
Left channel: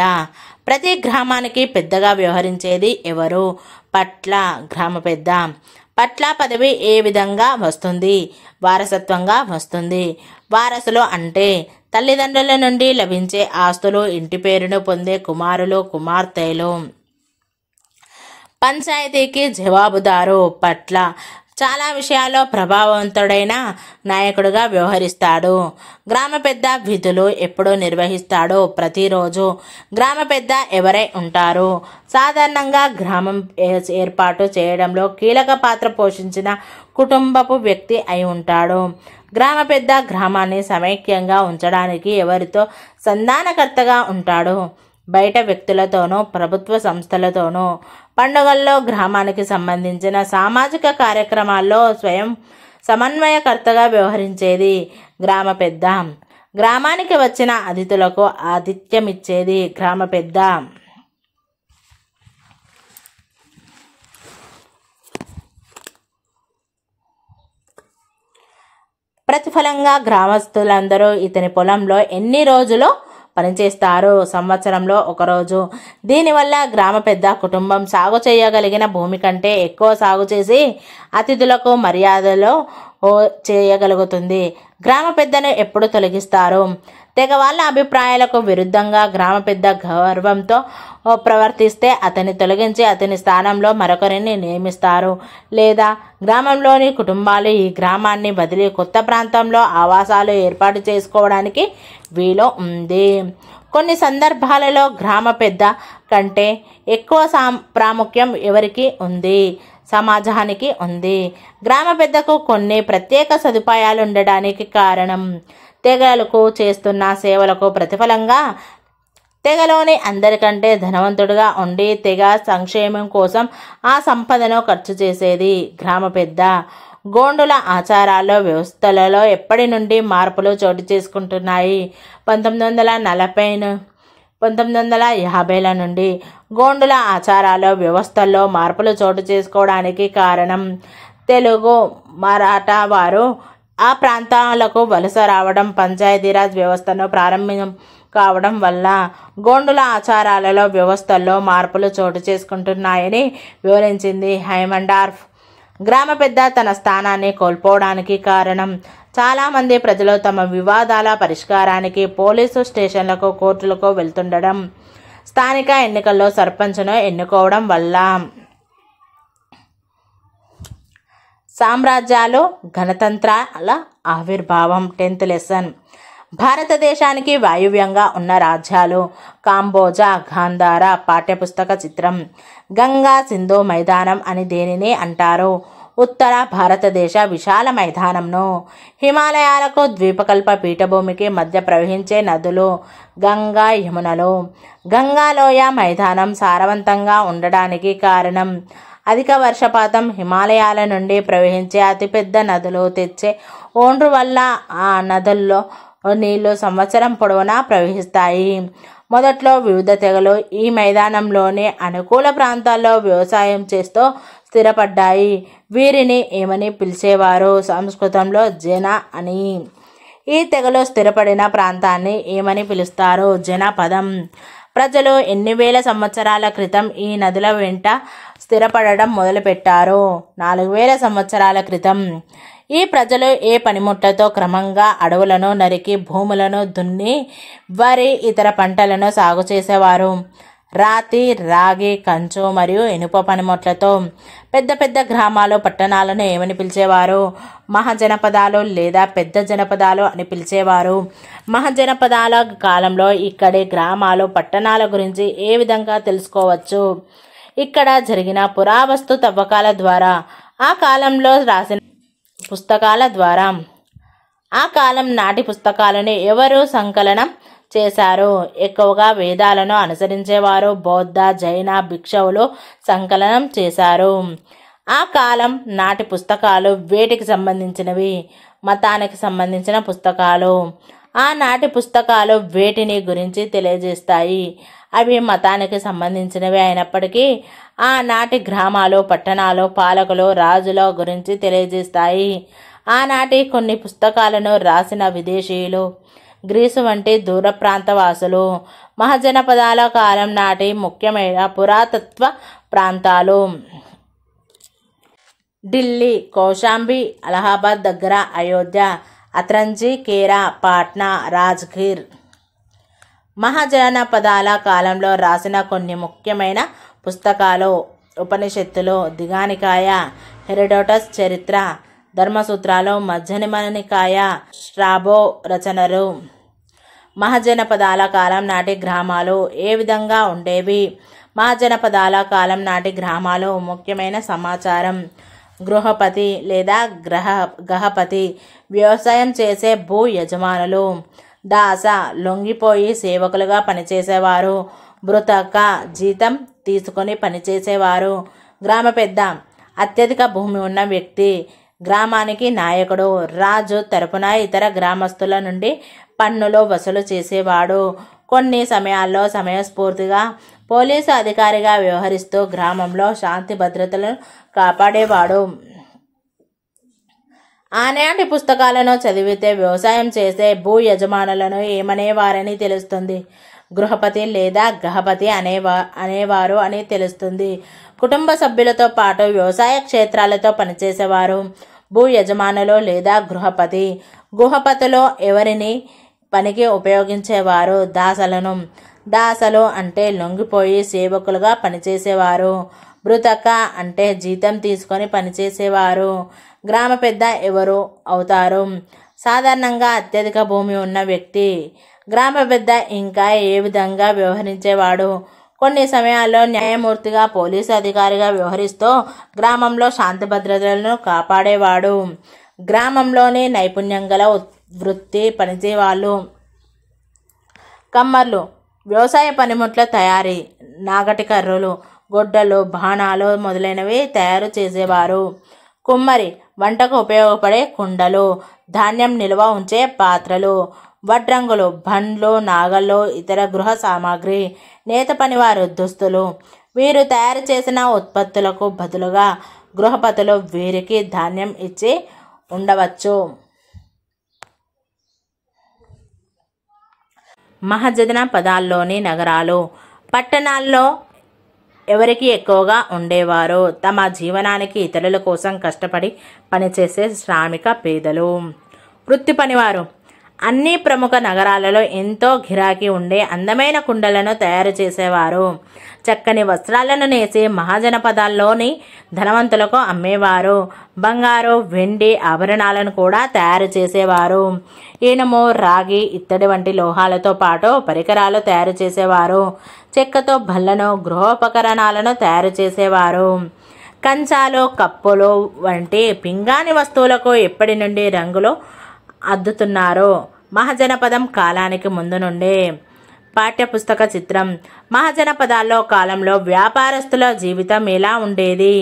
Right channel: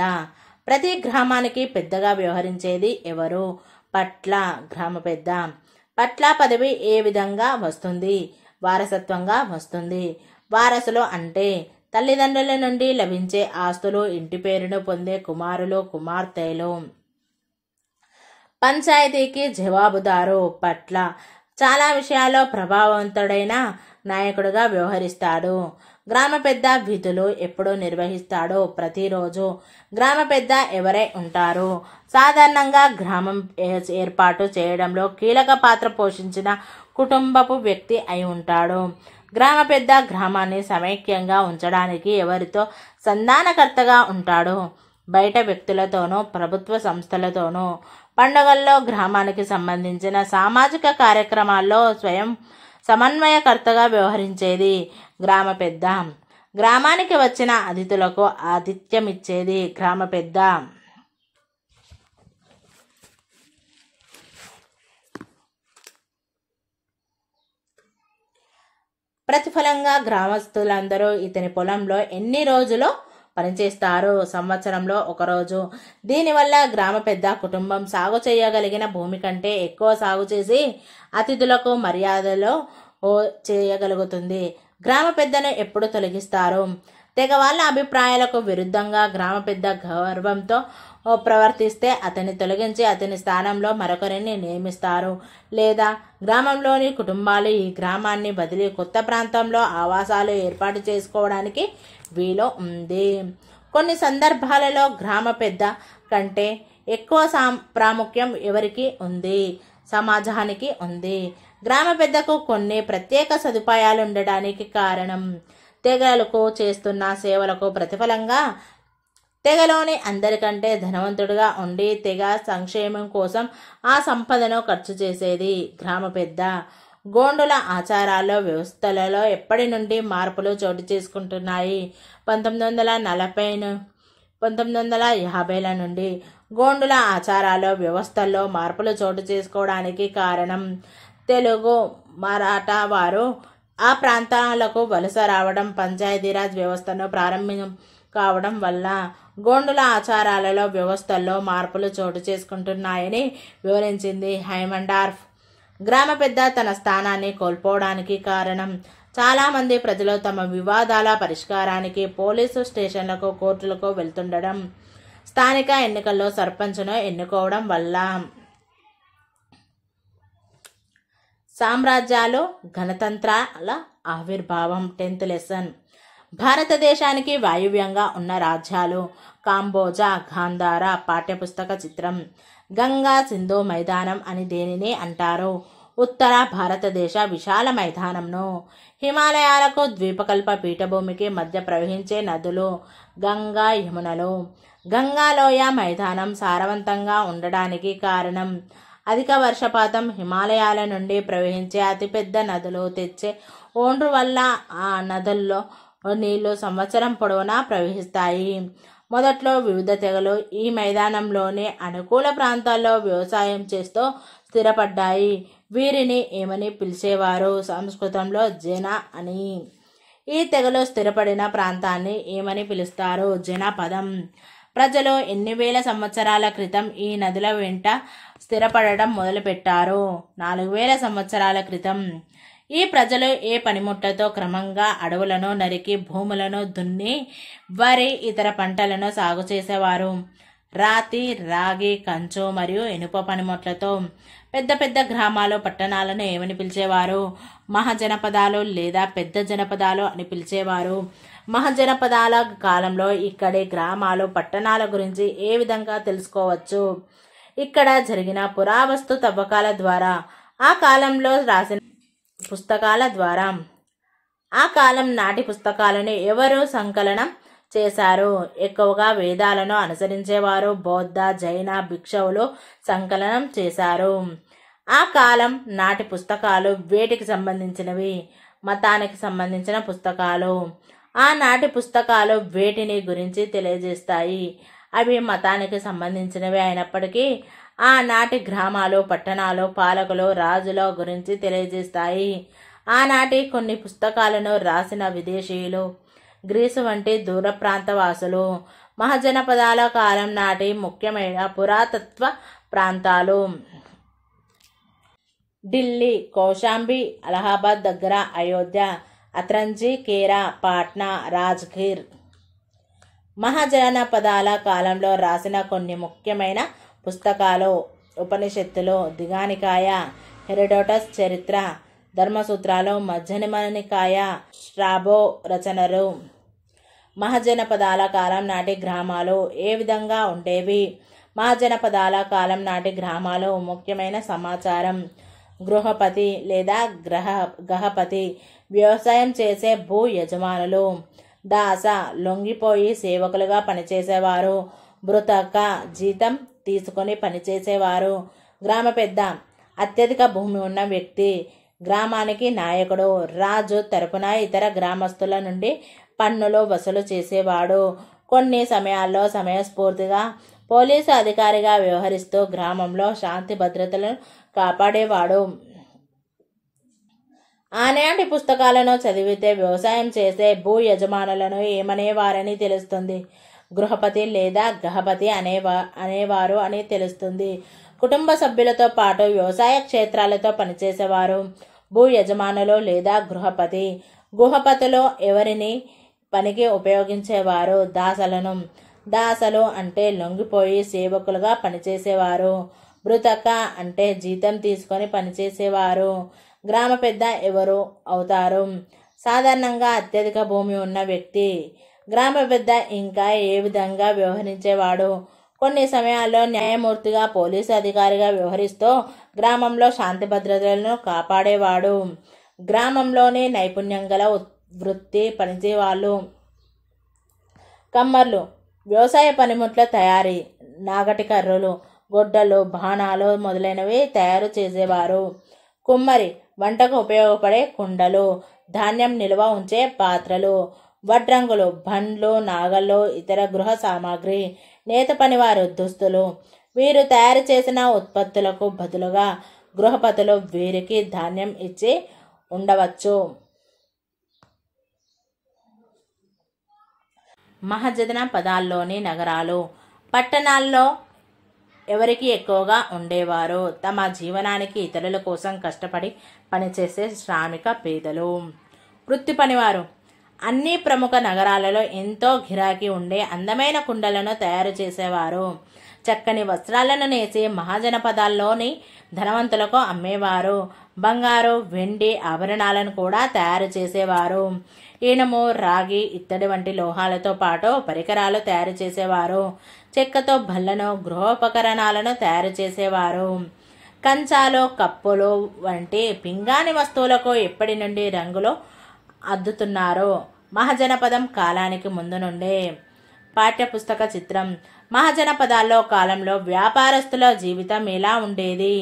ప్రతి గ్రామానికి పెద్దగా వ్యవహరించేది ఎవరు? పట్ల, గ్రామ పెద్ద. పట్ల పదవి ఏ విధంగా వస్తుంది? వారసత్వంగా వస్తుంది. వారసులు అంటే తల్లిదండ్రుల నుండి లభించే ఆస్తులు, ఇంటి పేరును పొందే కుమారులు, కుమార్తెలు. పంచాయతీకి జవాబుదారు. పట్ల చాలా విషయాల్లో ప్రభావవంతుడైన నాయకుడిగా వ్యవహరిస్తాడు. గ్రామ పెద్ద విధులు ఎప్పుడు నిర్వహిస్తాడు? ప్రతిరోజు. గ్రామ పెద్ద ఎవరై ఉంటారు? సాధారణంగా గ్రామం ఏర్పాటు చేయడంలో కీలక పాత్ర పోషించిన కుటుంబపు వ్యక్తి అయి ఉంటాడు. గ్రామ పెద్ద గ్రామాన్ని సమైక్యంగా ఉంచడానికి ఎవరితో సంధానకర్తగా ఉంటాడు? బయట వ్యక్తులతోనూ ప్రభుత్వ సంస్థలతోనూ. పండుగల్లో గ్రామానికి సంబంధించిన సామాజిక కార్యక్రమాల్లో స్వయం సమన్వయకర్తగా వ్యవహరించేది గ్రామ పెద్ద. గ్రామానికి వచ్చిన అతిథులకు ఆతిథ్యమిచ్చేది గ్రామ పెద్ద. ప్రతిఫలంగా గ్రామస్తులందరూ ఇతని పొలంలో ఎన్ని రోజులు పనిచేస్తారు? సంవత్సరంలో ఒకరోజు. దీనివల్ల గ్రామ పెద్ద కుటుంబం సాగు చేయగలిగిన భూమి కంటే ఎక్కువ సాగు చేసి అతిథులకు మర్యాదలు చేయగలుగుతుంది. గ్రామ పెద్దను ఎప్పుడు తొలగిస్తారు? తెగ వాళ్ళ అభిప్రాయాలకు విరుద్ధంగా గ్రామ పెద్ద గర్వంతో ప్రవర్తిస్తే అతన్ని తొలగించి అతని స్థానంలో మరొకరిని నియమిస్తారు. లేదా గ్రామంలోని కుటుంబాలు ఈ గ్రామాన్ని వదిలి కొత్త ప్రాంతంలో ఆవాసాలు ఏర్పాటు చేసుకోవడానికి వీలు ఉంది. కొన్ని సందర్భాలలో గ్రామ పెద్ద కంటే ఎక్కువ ప్రాముఖ్యం ఎవరికి ఉంది? సమాజానికి ఉంది. గ్రామ పెద్దకు కొన్ని ప్రత్యేక సదుపాయాలు ఉండడానికి కారణం తెగలకు చేస్తున్న సేవలకు ప్రతిఫలంగా తెగలోని అందరికంటే ధనవంతుడిగా ఉండి తెగ సంక్షేమం కోసం ఆ సంపదను ఖర్చు చేసేది గ్రామ పెద్ద. గోండుల ఆచారాల్లో వ్యవస్థలలో ఎప్పటి నుండి మార్పులు చోటు చేసుకుంటున్నాయి? 1950ల నుండి గోండుల ఆచారాల్లో వ్యవస్థల్లో మార్పులు చోటు చేసుకోవడానికి కారణం తెలుగు మరాఠా వారు ఆ ప్రాంతాలకు వలస రావడం, పంచాయతీరాజ్ వ్యవస్థను ప్రారంభం కావడం వల్ల గోండుల ఆచారాలలో వ్యవస్థల్లో మార్పులు చోటు చేసుకుంటున్నాయని వివరించింది హైమండార్ఫ్. గ్రామ పెద్ద తన స్థానాన్ని కోల్పోవడానికి కారణం చాలామంది ప్రజలు తమ వివాదాల పరిష్కారానికి పోలీసు స్టేషన్లకు, కోర్టులకు వెళ్తుండడం, స్థానిక ఎన్నికల్లో సర్పంచ్ను ఎన్నుకోవడం వల్ల. సామ్రాజ్యాలు, గణతంత్రాల ఆవిర్భావం. 10th lesson. భారతదేశానికి వాయువ్యంగా ఉన్న రాజ్యాలు. కాంబోజా, గాంధార. పాఠ్యపుస్తక చిత్రం. గంగా సింధు మైదానం అని దేనిని అంటారు? ఉత్తర భారతదేశ విశాల మైదానంను. హిమాలయాలకు, ద్వీపకల్ప పీఠభూమికి మధ్య ప్రవహించే నదులు గంగా, యమునలు. గంగాలోయ మైదానం సారవంతంగా ఉండడానికి కారణం అధిక వర్షపాతం, హిమాలయాల నుండి ప్రవహించే అతిపెద్ద నదులు తెచ్చే ఓండ్రు వల్ల. ఆ నదుల్లో నీళ్లు సంవత్సరం పొడవునా ప్రవహిస్తాయి. మొదట్లో వివిధ తెగలు ఈ మైదానంలోని అనుకూల ప్రాంతాల్లో వ్యవసాయం చేస్తూ స్థిరపడ్డాయి. వీరిని ఏమని పిలిచేవారు? సంస్కృతంలో జన అని. ఈ తెగలు స్థిరపడిన ప్రాంతాన్ని ఏమని పిలుస్తారు? జనపదం. ప్రజలు ఎన్ని వేల సంవత్సరాల క్రితం ఈ నదుల వెంట స్థిరపడడం మొదలుపెట్టారు? 4000 సంవత్సరాల క్రితం. ఈ ప్రజలు ఏ పనిముట్లతో క్రమంగా అడవులను నరికి భూములను దున్ని వరి ఇతర పంటలను సాగు చేసేవారు? రాతి, రాగి, కంచు మరియు ఇనుప పనిముట్లతో. పెద్ద పెద్ద గ్రామాలు పట్టణాలను ఏమని పిలిచేవారు? మహాజనపదాలు లేదా పెద్ద జనపదాలు అని పిలిచేవారు. మహాజనపదాల కాలంలో ఇక్కడి గ్రామాలు పట్టణాల గురించి ఏ విధంగా తెలుసుకోవచ్చు? ఇక్కడ జరిగిన పురావస్తు తవ్వకాల ద్వారా, ఆ కాలంలో రాసిన పుస్తకాల ద్వారా. ఆ కాలం నాటి పుస్తకాలను ఎవరు సంకలనం చేశారు? ఎక్కువగా వేదాలను అనుసరించేవారు బౌద్ధ, జైన భిక్షువులు సంకలనం చేశారు. ఆ కాలం నాటి పుస్తకాలు వేటికి సంబంధించినవి? మతానికి సంబంధించిన పుస్తకాలు. ఆనాటి పుస్తకాలు వేటిని గురించి తెలియజేస్తాయి? అవి మతానికి సంబంధించినవి అయినప్పటికీ ఆనాటి గ్రామాలు, పట్టణాలు, పాలకులు, రాజుల గురించి తెలియజేస్తాయి. ఆనాటి కొన్ని పుస్తకాలను రాసిన విదేశీయులు, గ్రీసు వంటి దూర ప్రాంత వాసులు. మహాజనపదాల కాలం నాటి ముఖ్యమైన పురాతత్వ ప్రాంతాలు: ఢిల్లీ, కౌశాంబి, అలహాబాద్ దగ్గర అయోధ్య, అత్రంజి, కేరా, పాట్నా, రాజ్గిర్. మహాజనపదాల కాలంలో రాసిన కొన్ని ముఖ్యమైన పుస్తకాలు: ఉపనిషత్తులు, దిగానికాయ, హెరోడోటస్ చరిత్ర, ధర్మసూత్రాలు, మధ్యనికాయ, స్ట్రాబో రచనలు. మహాజనపదాల కాలం నాటి గ్రామాలు ఏ విధంగా ఉండేవి? మహాజనపదాల కాలం నాటి గ్రామాలు ముఖ్యమైన సమాచారం: గృహపతి లేదా గహపతి, వ్యవసాయం చేసే భూ యజమానులు. దాస, లొంగిపోయి సేవకులుగా పనిచేసేవారు. భృతక, జీతం తీసుకొని పనిచేసేవారు. గ్రామ పెద్ద, అత్యధిక భూమి ఉన్న వ్యక్తి, గ్రామానికి నాయకుడు. రాజు తరపున ఇతర గ్రామస్తుల నుండి పన్నులు వసూలు చేసేవాడు. కొన్ని సమయాల్లో సమయస్ఫూర్తిగా పోలీసు అధికారిగా వ్యవహరిస్తూ గ్రామంలో శాంతి భద్రతలను కాపాడేవాడు. ఆనాటి పుస్తకాలను చదివితే వ్యవసాయం చేసే భూ యజమానులను ఏమనేవారని తెలుస్తుంది. గృహపతి లేదా గహపతి అనేవారు అని తెలుస్తుంది. కుటుంబ సభ్యులతో పాటు వ్యవసాయ క్షేత్రాలతో పనిచేసేవారు భూ యజమానులు లేదా గృహపతి. గృహపతిలో ఎవరిని పనికి ఉపయోగించేవారు? దాసలను. దాసలు అంటే లొంగిపోయి సేవకులుగా పనిచేసేవారు. భృతక అంటే జీతం తీసుకొని పనిచేసేవారు. గ్రామ పెద్ద ఎవరు అవుతారు? సాధారణంగా అత్యధిక భూమి ఉన్న వ్యక్తి. గ్రామ పెద్ద ఇంకా ఏ విధంగా వ్యవహరించేవాడు? కొన్ని సమయాల్లో న్యాయమూర్తిగా, పోలీసు అధికారిగా వ్యవహరిస్తూ గ్రామంలో శాంతి భద్రతలను కాపాడేవాడు. గ్రామంలోని నైపుణ్యం గల వృత్తి పనిచేవాళ్ళు. కమ్మర్లు, వ్యవసాయ పనిముట్ల తయారీ, నాగటి కర్రలు, గొడ్డలు, బాణాలు మొదలైనవి తయారు చేసేవారు. కుమ్మరి, వంటకు ఉపయోగపడే కుండలు, ధాన్యం నిల్వ ఉంచే పాత్రలు. వడ్రంగులు, బండ్లు, నాగళ్ళు, ఇతర గృహ సామాగ్రి. నేత పనివారు, దుస్తులు. వీరు తయారు చేసిన ఉత్పత్తులకు బదులుగా గృహపతులు వీరికి ధాన్యం ఇచ్చి ఉండవచ్చు. మహాజనపదాల్లోని నగరాలు, పట్టణాల్లో ఎవరికి ఎక్కువగా ఉండేవారు? తమ జీవనానికి ఇతరుల కోసం కష్టపడి పనిచేసే శ్రామిక పేదలు. వృత్తి పనివారు, అన్ని ప్రముఖ నగరాలలో ఎంతో గిరాకీ ఉండే అందమైన కుండలను తయారు చేసేవారు. చక్కని వస్త్రాలను నేసి మహాజనపదాల్లోని ధనవంతులకు అమ్మేవారు. బంగారు, వెండి ఆభరణాలను కూడా తయారు చేసేవారు. ఇనుము, రాగి, ఇత్తడి వంటి లోహాలతో పాటు పరికరాలు తయారు చేసేవారు. చెక్కతో బల్లను, గృహోపకరణాలను తయారు చేసేవారు. కంచాలు, కప్పులు వంటి పింగాణి వస్తువులకు ఎప్పటి నుండి రంగులు అద్దుతున్నారు? మహాజనపదం కాలానికి ముందు నుండే. పాఠ్యపుస్తక చిత్రం. మహాజనపదాల్లో కాలంలో వ్యాపారస్తుల జీవితం ఎలా ఉండేది?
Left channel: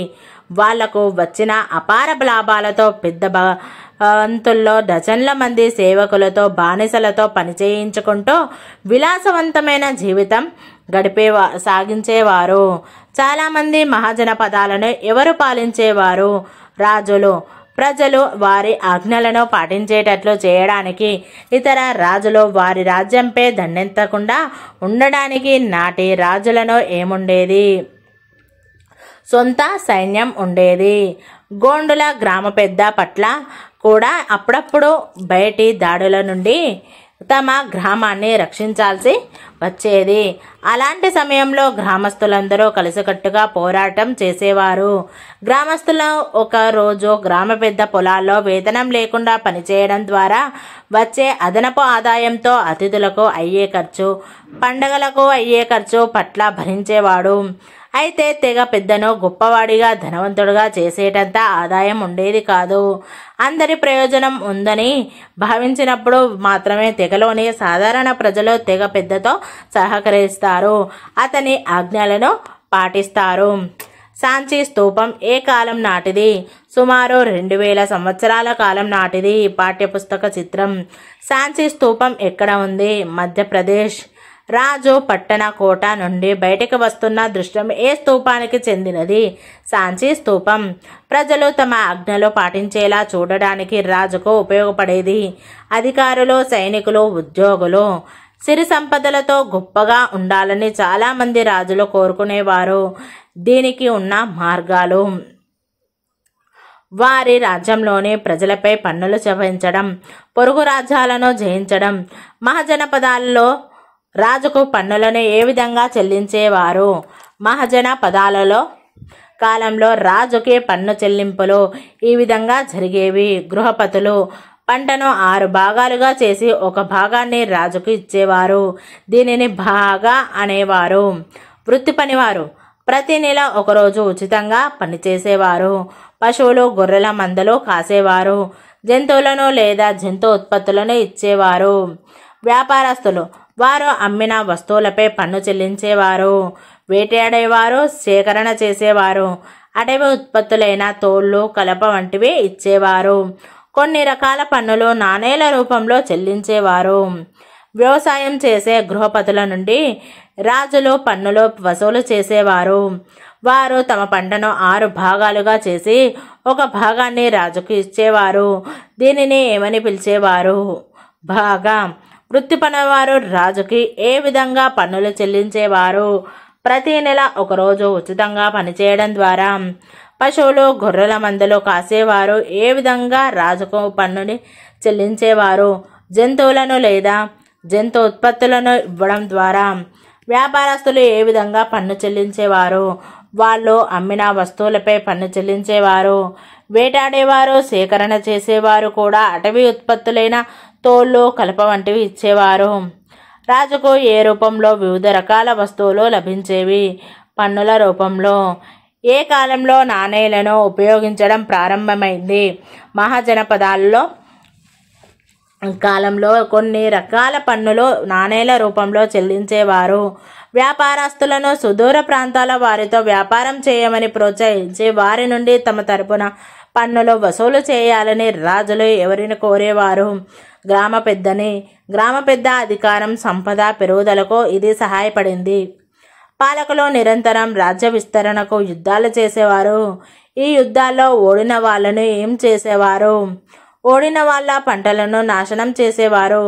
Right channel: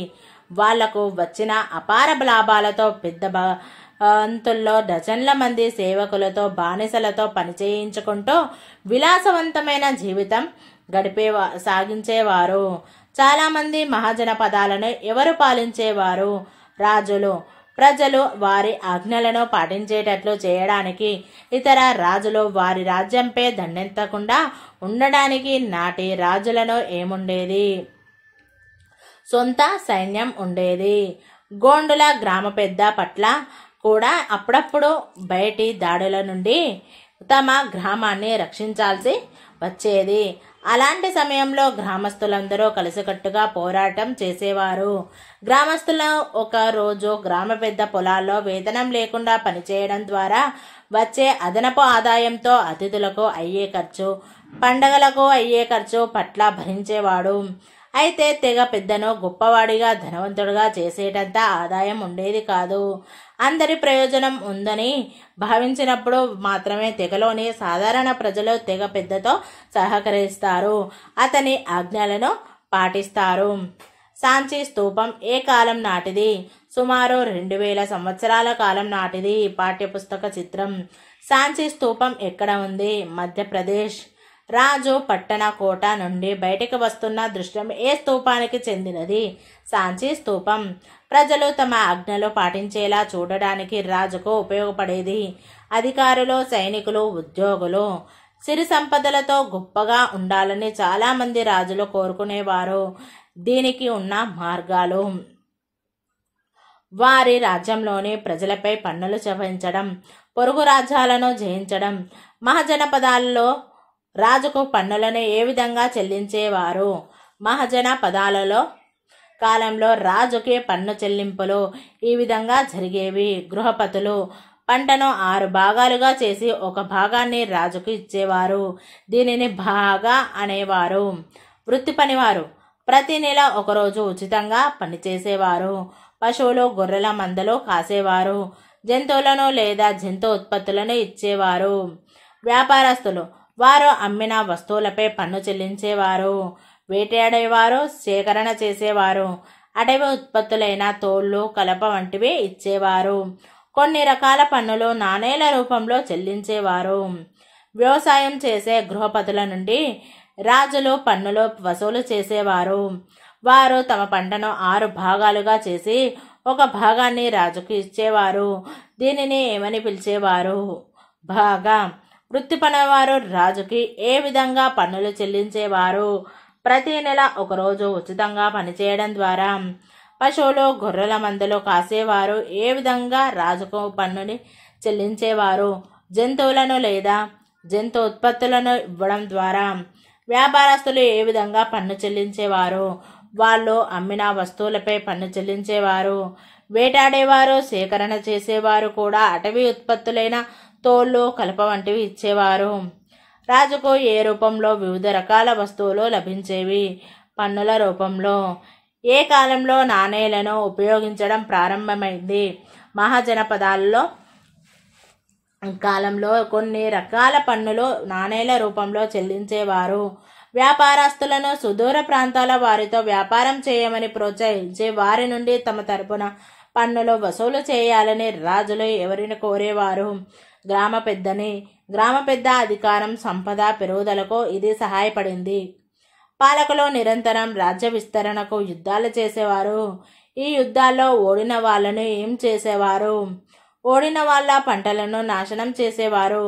వాళ్లకు వచ్చిన అపార లాభాలతో పెద్ద వంతుల్లో డజన్ల మంది సేవకులతో, బానిసలతో పనిచేయించుకుంటూ విలాసవంతమైన జీవితం సాగించేవారు. చాలామంది మహాజనపదాలను ఎవరు పాలించేవారు? రాజులు. ప్రజలు వారి ఆజ్ఞలను పాటించేటట్లు చేయడానికి, ఇతర రాజులు వారి రాజ్యంపై దండెత్తకుండా ఉండడానికి నాటి రాజులను ఏముండేది? సొంత సైన్యం ఉండేది. గోండుల గ్రామ పెద్ద పట్ల కూడా అప్పుడప్పుడు బయటి దాడుల నుండి తమ గ్రామాన్ని రక్షించాల్సి వచ్చేది. అలాంటి సమయంలో గ్రామస్తులందరూ కలిసికట్టుగా పోరాటం చేసేవారు. గ్రామస్తులు ఒక రోజు గ్రామ పెద్ద పొలాల్లో వేతనం లేకుండా పనిచేయడం ద్వారా వచ్చే అదనపు ఆదాయంతో అతిథులకు అయ్యే ఖర్చు, పండగలకు అయ్యే ఖర్చు పట్ల భరించేవాడు. అయితే తెగ పెద్దను గొప్పవాడిగా ధనవంతుడుగా చేసేటంత ఆదాయం ఉండేది కాదు. అందరి ప్రయోజనం ఉందని భావించినప్పుడు మాత్రమే తెగలోని సాధారణ ప్రజలు తెగ పెద్దతో సహకరిస్తారు, అతని ఆజ్ఞలను పాటిస్తారు. సాంచి స్తూపం ఏ కాలం నాటిది? సుమారు 2000 సంవత్సరాల కాలం నాటిది. పాఠ్యపుస్తక చిత్రం. సాంచి స్తూపం ఎక్కడ ఉంది? మధ్యప్రదేశ్. రాజు పట్టణ కోట నుండి బయటకు వస్తున్న దృశ్యం ఏ స్తూపానికి చెందినది? సాంచి స్తూపం. ప్రజలు తమ ఆజ్ఞలు పాటించేలా చూడడానికి రాజుకు ఉపయోగపడేది. అధికారులు, సైనికులు, ఉద్యోగులు సిరి సంపదలతో గొప్పగా ఉండాలని చాలా మంది రాజులు కోరుకునేవారు. దీనికి ఉన్న మార్గాలు: వారి రాజ్యంలోని ప్రజలపై పన్నులు చెల్లించడం, పొరుగు రాజ్యాలను జయించడం. మహాజనపదాలలో రాజుకు పన్నులను ఏ విధంగా చెల్లించేవారు? మహాజన పదాలలో కాలంలో రాజుకి పన్ను చెల్లింపులు ఈ విధంగా జరిగేవి. గృహపతులు పంటను 6 భాగాలుగా చేసి ఒక భాగాన్ని రాజుకు ఇచ్చేవారు. దీనిని భాగా అనేవారు. వృత్తి పనివారు ప్రతి నెల ఒకరోజు ఉచితంగా పనిచేసేవారు. పశువులు, గొర్రెల మందలు కాసేవారు. జంతువులను లేదా జంతు ఉత్పత్తులను ఇచ్చేవారు. వ్యాపారస్తులు వారు అమ్మిన వస్తువులపై పన్ను చెల్లించేవారు. వేటాడేవారు, సేకరణ చేసేవారు. అటవీ ఉత్పత్తులైన తోళ్లు, కలప వంటివి ఇచ్చేవారు. కొన్ని రకాల పన్నులు నాణేల రూపంలో చెల్లించేవారు. వ్యవసాయం చేసే గృహపతుల నుండి రాజులు పన్నులు వసూలు చేసేవారు. వారు తమ పంటను 6 భాగాలుగా చేసి ఒక భాగాన్ని రాజుకు ఇచ్చేవారు. దీనిని ఏమని పిలిచేవారు? భాగా. వృత్తి పనివారు రాజుకి ఏ విధంగా పన్నులు చెల్లించేవారు? ప్రతి నెల ఒకరోజు ఉచితంగా పనిచేయడం ద్వారా. పశువులు, గొర్రెల మందలు కాసేవారు ఏ విధంగా రాజుకు పన్నుని చెల్లించేవారు? జంతువులను లేదా జంతు ఉత్పత్తులను ఇవ్వడం ద్వారా. వ్యాపారస్తులు ఏ విధంగా పన్ను చెల్లించేవారు? వాళ్ళు అమ్మిన వస్తువులపై పన్ను చెల్లించేవారు. వేటాడేవారు, సేకరణ చేసేవారు కూడా అటవీ ఉత్పత్తులైన తోళ్లు, కలప వంటివి ఇచ్చేవారు. రాజుకు ఏ రూపంలో వివిధ రకాల వస్తువులు లభించేవి? పన్నుల రూపంలో. ఏ కాలంలో నాణేలను ఉపయోగించడం ప్రారంభమైంది? మహాజనపదాలలో కాలంలో కొన్ని రకాల పన్నులు నాణేల రూపంలో చెల్లించేవారు. వ్యాపారస్తులను సుదూర ప్రాంతాల వారితో వ్యాపారం చేయమని ప్రోత్సహించి వారి నుండి తమ తరపున పన్నులు వసూలు చేయాలని రాజులు ఎవరిని కోరేవారు? గ్రామ పెద్దని. గ్రామ పెద్ద అధికారం, సంపద పెరుగుదలకు ఇది సహాయపడింది. పాలకులు నిరంతరం రాజ్య విస్తరణకు యుద్ధాలు చేసేవారు. ఈ యుద్ధాల్లో ఓడిన వాళ్ళను ఏం చేసేవారు? ఓడిన వాళ్ళ పంటలను నాశనం చేసేవారు.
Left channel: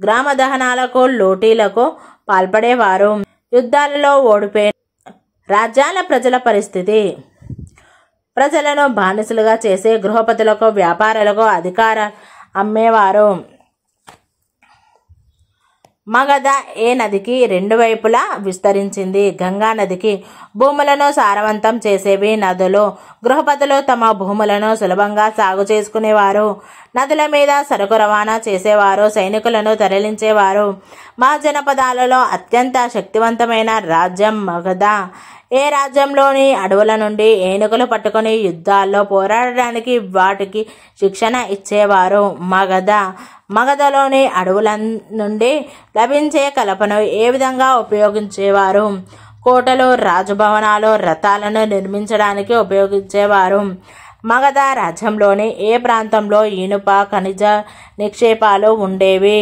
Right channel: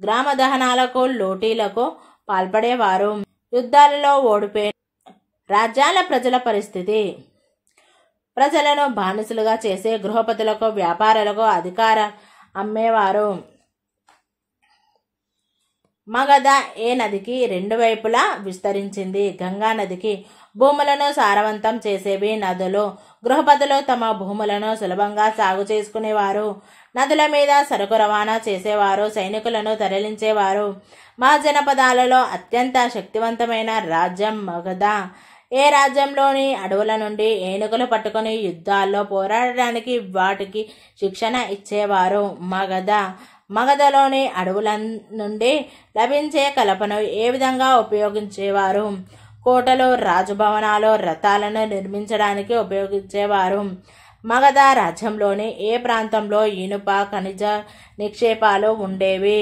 గ్రామ దహనాలకు, లూటీలకు పాల్పడేవారు. యుద్ధాలలో ఓడిపోయిన రాజ్యాల ప్రజల పరిస్థితి: ప్రజలను బానిసలుగా చేసి గృహపతులకు, వ్యాపారులకు అధికారం అమ్మేవారు. మగధ ఏ నదికి 2 వైపులా విస్తరించింది? గంగా నదికి. భూములను సారవంతం చేసేవి నదులు. గృహపతులు తమ భూములను సులభంగా సాగు చేసుకునేవారు. నదుల మీద సరుకు రవాణా చేసేవారు. సైనికులను తరలించేవారు. మహాజనపదాలలో అత్యంత శక్తివంతమైన రాజ్యం మగధ. ఏ రాజ్యంలోని అడవుల నుండి ఏనుగులు పట్టుకుని యుద్ధాల్లో పోరాడడానికి వాటికి శిక్షణ ఇచ్చేవారు? మగధ. మగధలోని అడవుల నుండి లభించే కలపను ఏ విధంగా ఉపయోగించేవారు? కోటలు, రాజభవనాలు, రథాలను నిర్మించడానికి ఉపయోగించేవారు. మగధ రాజ్యంలోని ఏ ప్రాంతంలో ఇనుప ఖనిజ నిక్షేపాలు ఉండేవి?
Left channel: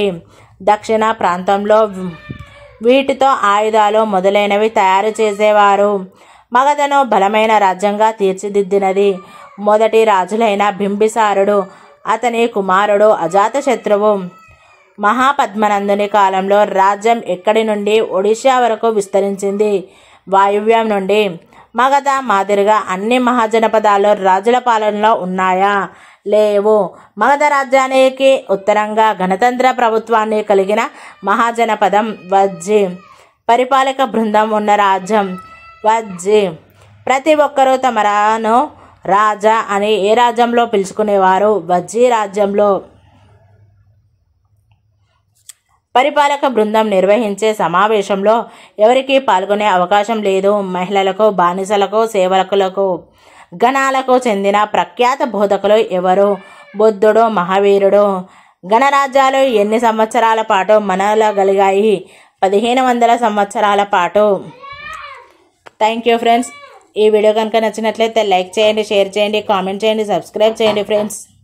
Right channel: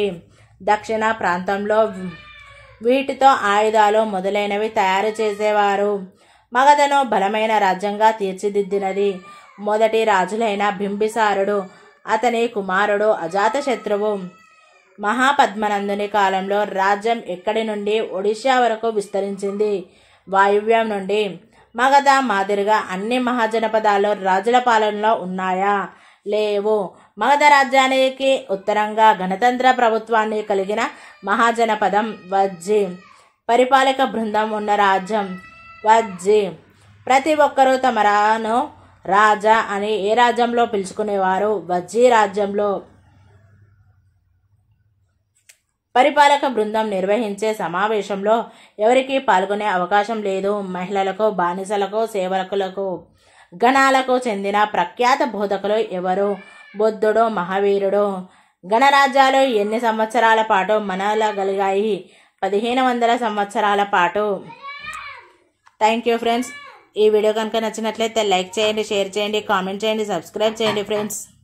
దక్షిణ ప్రాంతంలో. వీటితో ఆయుధాలు మొదలైనవి తయారు చేసేవారు. మగధను బలమైన రాజ్యంగా తీర్చిదిద్దినది. మొదటి రాజులైన బింబిసారుడు, అతని కుమారుడు అజాతశత్రువు మహాపద్మనందుని కాలంలో రాజ్యం ఎక్కడి నుండి ఒడిషా వరకు విస్తరించింది. వాయువ్యం నుండి మగధ మాదిరిగా అన్ని మహాజనపదాలు రాజుల పాలనలో ఉన్నాయా? లేవు. మగధ రాజ్యానికి ఉత్తరంగా గణతంత్ర ప్రభుత్వాన్ని కలిగిన మహాజనపదం వజ్జి. పరిపాలక బృందం ఉన్న రాజ్యం వజ్జి. ప్రతి ఒక్కరూ తమను రాజా అని ఏ రాజ్యంలో పిలుచుకునేవారు? వజ్జి రాజ్యంలో. పరిపాలక బృందం నిర్వహించే సమావేశంలో ఎవరికీ పాల్గొనే అవకాశం లేదు. మహిళలకు, బానిసలకు, సేవకులకు, గణాలకు చెందిన ప్రఖ్యాత బోధకులు ఎవరు? బుద్ధుడు, మహావీరుడు. గణరాజ్యాలు ఎన్ని సంవత్సరాల పాటు మనగలిగాయి? 1500 సంవత్సరాల పాటు. Thank you friends. ఈ వీడియో కనుక నచ్చినట్లయితే లైక్ చేయండి, షేర్ చేయండి, కామెంట్ చేయండి, సబ్స్క్రైబ్ చేయండి ఫ్రెండ్స్.